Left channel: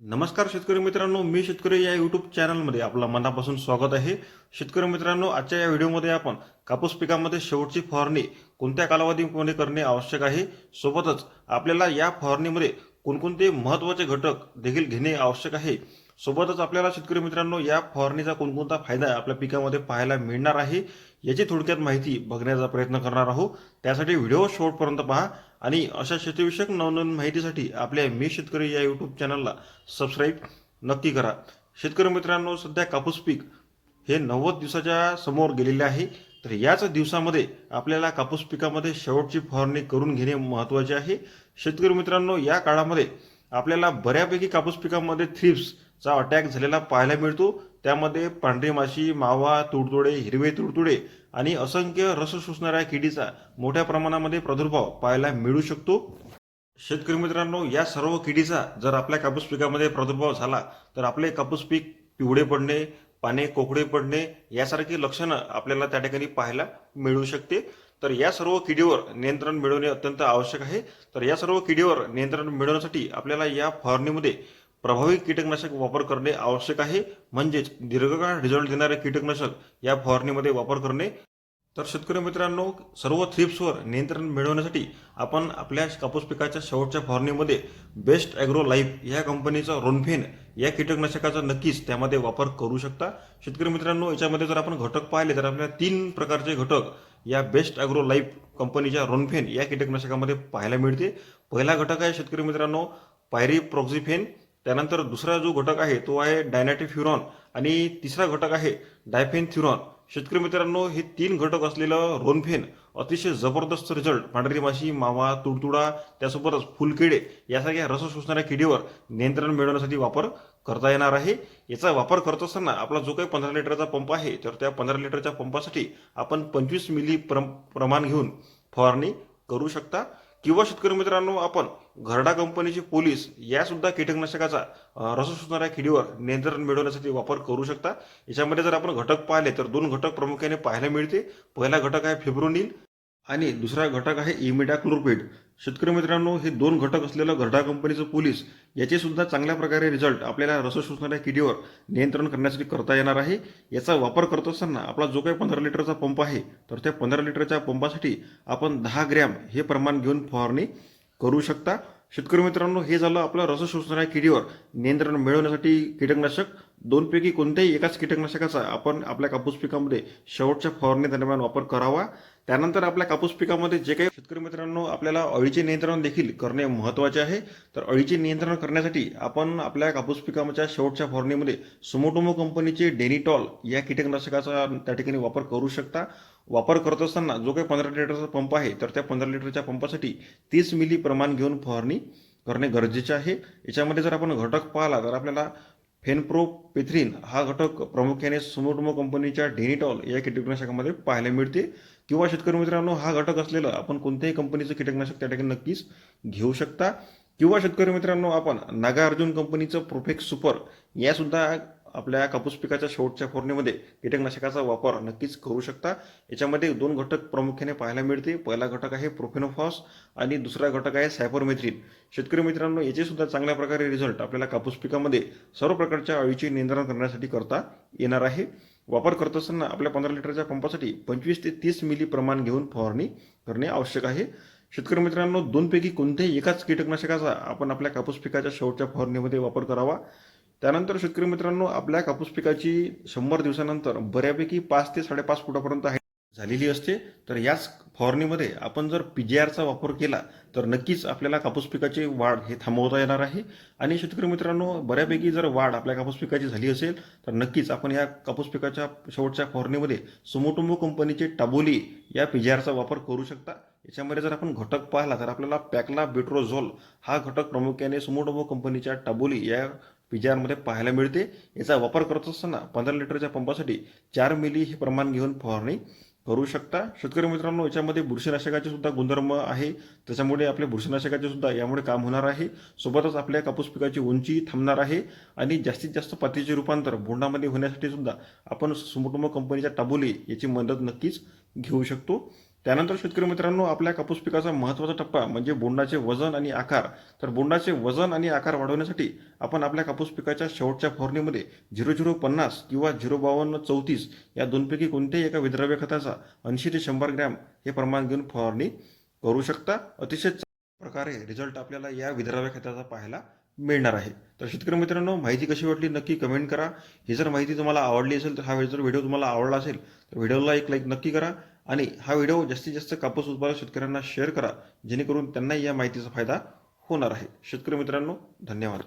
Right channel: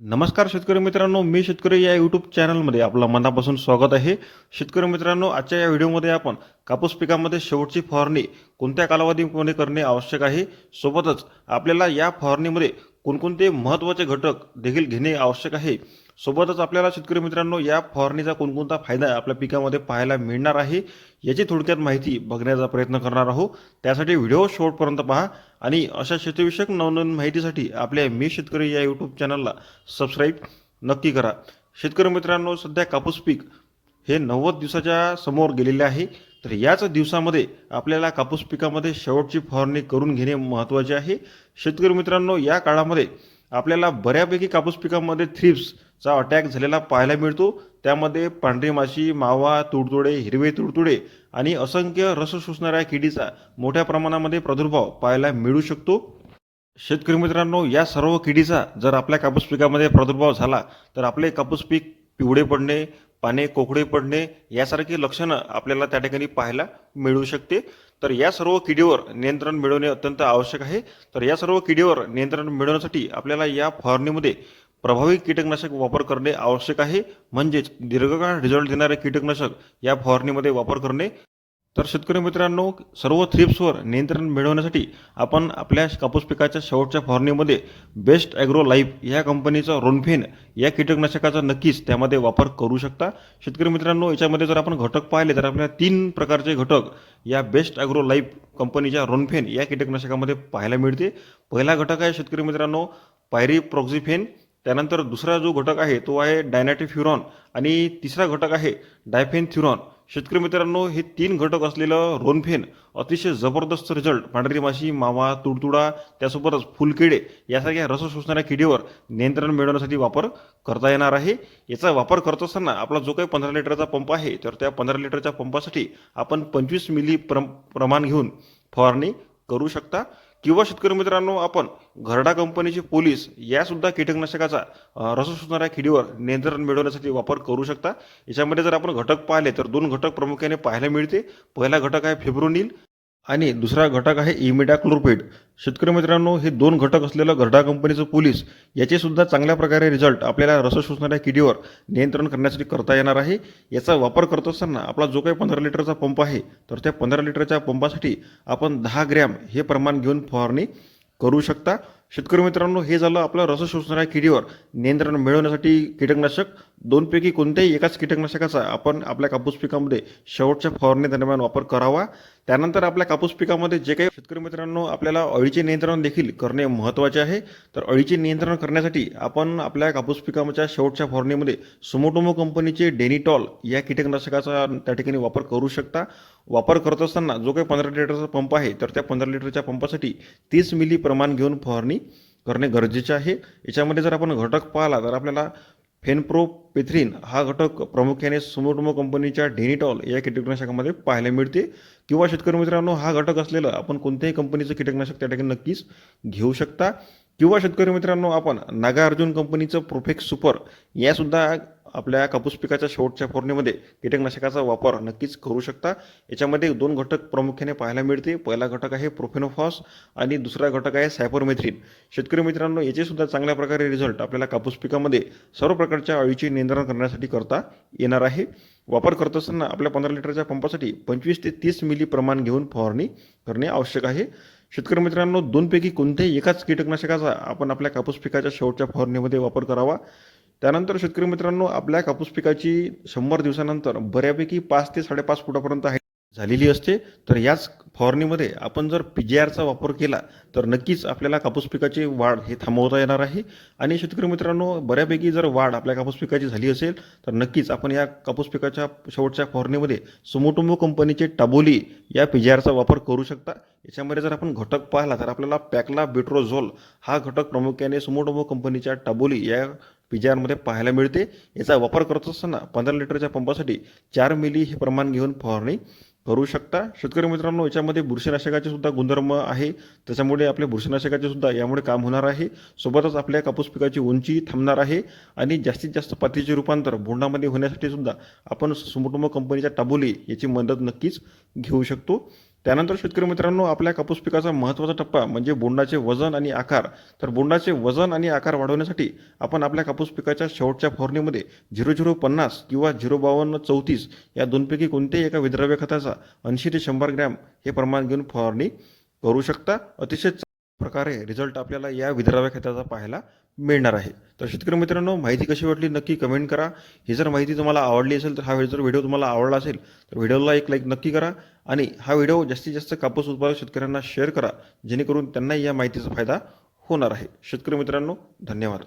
नमस्कार शेतकरी मित्रांनो मी शेतकरी या यूट्यूब चॅनलमध्ये आपलं मनापासून स्वागत आहे. शेतकरी मित्रांनो आजच्या या व्हिडिओमध्ये आपण कापूस पिकामध्ये शेवटची फवारणी कोणत्या कालावधीमध्ये करणे आवश्यक आहे? सोबतच आपल्याला या फवारणीमध्ये कोणकोणते महत्त्वाचे घटक देखील घेणे आवश्यक आहे? सोबतच आपल्याला शेतकरी मित्रांनो या फवारणीचा कोणकोणता फायदा आपल्या पिकामध्ये पाहायला मिळणार आहे याची थोडक्यात माहिती बघण्याचा प्रयत्न करणार आहोत. त्यासाठी व्हिडिओ शेवटपर्यंत पहा आणि अशा शेतीविषयक नवनवीन माहितीसाठी आपल्या मी शेतकरी या यूट्यूब चॅनलला सबस्क्राईब नक्की करा. शेतकरी मित्रांनो सध्या कापूस पीक हे नव्वद दिवसाच्या समोर गेलेले आहे. तर याच दिवसामध्ये आपल्याला कापूस पिकामध्ये शेवटची फवारणी करून घेणे महत्त्वाचे आहे. शेतकरी मित्रांनो या काळामध्ये आपल्याला बऱ्यापैकी कापूस पिकामध्ये चा अटॅक झालेला पाहायला मिळतो. त्यामध्ये पांढरी माशी मावा तुडतुडे हिरवे तुडतुडे आणि असंख्य रस शोषणाऱ्या किडीचा मोठ्या प्रमाणामध्ये प्रादुर्भाव पाहायला मिळू शकतो. शेतकरी मित्रांनो या सर्व किडीचा जर आपल्या कापूस पिकामध्ये प्रादुर्भाव झाला तर आपले कापूस पीक पिवळे पडणे पाने कोकडे पडणे यासारखी लक्षणं आपल्याला त्या ठिकाणी पाहायला मिळू शकते. तर या सर्व किडीवर नियंत्रण मिळवणे अत्यंत आवश्यक आहे. तर या सर्व किडीवर नियंत्रण मिळवण्यासाठी आपल्याला या फवारणीमध्ये प्रभावी कीटकनाशक वापर करणे आवश्यक आहे. म्हणजेच दीर्घकाळ रिझल्ट देणारे कीटकनाशक या फवारणीमध्ये वापर करणे. तर शेतकरी मित्रांनो सर्व थ्रिप्सवर नियंत्रण मिळवण्यासाठी आपण आपल्या कापूस पिकाच्या शेवटच्या फवारणीमध्ये बेस्ट ॲग्रो लाईफ या कंपनीचा रोनफेन या कीटकनाशकाचा नक्कीच त्यामध्ये वापर करू शकता. शेतकरी मित्रांनो याच्यामध्ये जर आपण घटक पाहिले तर आपल्याला तीन प्रकारचे घटक या बेस्ट ॲग्रो लाईफ कंपनीच्या रोनफेन या कीटकनाशकामध्ये पाहायला मिळते. पहिला घटक आहे शेतकरी मित्रांनो पायरी प्रॉक्झिफेन त्यानंतर दुसरा जो घटक आहे तो आहे डायनॅटिफ्युरॉन. आणि तिसरा घटक आहे डायफेनथ्युरॉन. शेतकरी मित्रांनो हे तीन घटक असलेलं रोनफेन अतिशय जबरदस्त रिझल्ट पांढरी माशी मावा तुडतुडा त्यासोबतच फुलकिडे यासारख्या रस शोषणाऱ्या किडीवर नियंत्रण मिळवण्यासाठी वापर करता येणार आहे. याचा वापर करत असताना आपला जो काही पंधरा लिटरचा पंप आहे तर त्या पंधरा लिटरच्या पंपासाठी आपण पंचवीस मिली प्रम प्रमाण घेऊन फवारणी करू शकता. किंवा शेतकरी मित्रांनो आपण घरडा कंपनीचे पोलीस यासुद्धा कीटकनाशकाचा रस शोषणाऱ्या किडीवर नियंत्रण मिळवण्यासाठी वापर करू शकता. याच्यामध्ये जर आपण घटक पाहिले तर दोन घटक प्रामुख्याने पाहायला मिळते. पहिला घटक आहे फेब्रोनिल आणि दुसरा घटक आहे इमिडाक्लोरपेड शेतकरी मित्रांनो हे दोन घटक असलेलं घरडा कंपनीचं पोलीस याचे सुद्धा चांगल्या प्रकारे रिझल्ट आपल्याला रस शोषणाऱ्या किडीवर नियंत्रण करण्यासाठी करता येणार आहे. याचा वापर करत असताना आपला जो काही पंधरा लिटरचा पंप आहे तर त्या पंधरा लिटरच्या पंपासाठी आपण दहा ग्रॅम हे प्रमाण घेऊन फवारणी करू शकता. शेतकरी मित्रांनो हे झालं आपलं रस शोषणाऱ्या किडीवर नियंत्रण मिळवण्यासाठी कीटकनाशक. दोनपैकी कोणत्याही एकाच कीटकनाशकाचा आपण आपल्या कापूस पिकामध्ये शेवटच्या फवारणी दरम्यान वापर करावा. त्यानंतर आपल्या कापूस पिकामध्ये जे काही शेतकरी मित्रांनो आपल्याला अळीचे नियंत्रण देखील करणे महत्त्वाचे आहे. तर अळीचे नियंत्रण करण्यासाठी आपण आपल्या कापूस पिकाच्या शेवटच्या फवारणीमध्ये सुमोटोमो कंपनीचे डेनिटॉल या कीटकनाशकाचा त्या ठिकाणी वापर करू शकता. वापर करत असताना जो काही पंधरा लिटरचा पंप आहे तर त्या पंधरा लिटरच्या पंपासाठी तीस मिली प्रमाण घेऊन फवारणी करणे गरजेचे आहे. याच्यामध्ये जर आपण घटक पाहिला तर आपल्याला फेनप्रोपेथ्रिन हा घटक प्रामुख्याने सुमोटोमो कंपनीच्या डेनिटॉल या कीटकनाशकामध्ये पाहायला मिळते. किंवा शेतकरी मित्रांनो हा घटक असलेलं आपण कोणत्याही कंपनीचं कीटकनाशक त्या ठिकाणी नक्कीच घेऊ शकता. किंवा शेतकरी मित्रांनो आपण नागार्जुन कंपनीचं प्रोफेक्स सुपर यासुद्धा आपल्या कापूस पिकाच्या शेवटच्या फोरणीमध्ये कीटकनाशकाचा वापर नक्कीच करू शकता. याच्यामध्ये दोन घटक प्रामुख्याने पाहायला मिळते पहिला घटक आहे प्रोफेनोफॉस आणि दुसरा घटक आहे सायपरमेथ्रिन शेतकरी मित्रांनो याचे सुद्धा चांगल्या प्रकारे रिझल्ट आपल्याला कापूस पिकामध्ये सर्व प्रकारच्या अळीचे नियंत्रण करण्यासाठी करता येणार आहे. वापर करत असताना आपल्या पंधरा लिटरच्या पंपासाठी पंचवीस ते तीस मिली प्रमाण घेऊन फवारणी करणे आवश्यक आहे. शेतकरी मित्रांनो दोनपैकी कोणत्याही एकाच कीटकनाशकाचा आपण आपल्या कापूस पिकाच्या शेवटच्या फवारणीमध्ये वापर करावा. त्यानंतर शेतकरी मित्रांनो आपल्या कापूस पिकाची शंभर दिवसानंतर बऱ्यापैकी पाच ते साडेपाच फुटापर्यंत झालेली असते. तर याच फवारणीमध्ये आपण जर पी जी आरचा वापर केला तर नक्कीच आपल्याला कापूस पिकाची वाढ हे थांबवता येणार आहे. आणि शेतकरी मित्रांनो बऱ्यापैकी जर वाढ आपल्या कापूस पिकाची झाली असेल तर नक्कीच आपण या कापूस पिकाच्या शेवटच्या फवारणीमध्ये सुमोटुंबो कंपनीचे टाबोली या पी जी आरचा वापर करू शकता. याच्यामध्ये जर आपण घटक पाहिला तर आपल्याला पॅकला बेट्रोझोल हा घटक प्रामुख्याने सुमोटोमो कंपनीच्या टाबोली या पी पाहायला मिळते. याचा वापर करत असताना पंधरा लिटरच्या पंपासाठी चार मिली हे प्रमाण घेऊन फवारणी करू शकता. शेतकरी मित्रांनो याच्यामध्ये बुरशीनाशकाचे सुद्धा गुणधर्म आहे. त्याच्यामुळे आपल्या बुरशीनाशकाचे सुद्धा यामुळे काम होणार आहे. सोबतच आपल्या कापूस पिकाची उंची थांबणार आहे. आणि जास्तीत जास्त पातीचे रूपांतर बोंडामध्ये होण्यासाठी सुद्धा आपण सुमोटोमो कंपनीच्या टाबोली याची मदत नक्कीच घेऊ शकतो. त्यानंतर शेतकरी मित्रांनो आपल्या कापूस पिकाचा महत्त्वाचा टप्पा म्हणजे बोंडाचे वजन आणि आकार. तर बोंडाचे वजन आणि आकार वाढवण्यासाठी आपण आपल्या कापूस पिकाच्या शेवटच्या फवारणीमध्ये झिरो झिरो पन्नास किंवा झिरो बावन्न चौतीस या दोनपैकी कोणत्याही एका विद्राव्य खताचा ऐंशी ते शंभर ग्रॅम हे प्रमाण घेऊन फवारणी करू शकता. अतिशय प्रकारे रिझल्ट आपल्याला या विद्राव्य खताचा पाहायला मिळणार आहे. तर शेतकरी मित्रांनो माहिती कशी वाटली नक्की कमेंट करा. ही जर माहिती तुम्हाला आवडली असेल तर हा जर व्हिडिओ तुम्हाला आवडला असेल तर व्हिडिओला एक लाईक नक्की करा आणि हा व्हिडिओ जास्तीत जास्त कापूस उत्पादक शेतकऱ्यांना शेअर करा जेणेकरून त्यांनाही या माहितीचा फायदा होणार आहे. शेतकरी मित्रांनो धन्यवाद.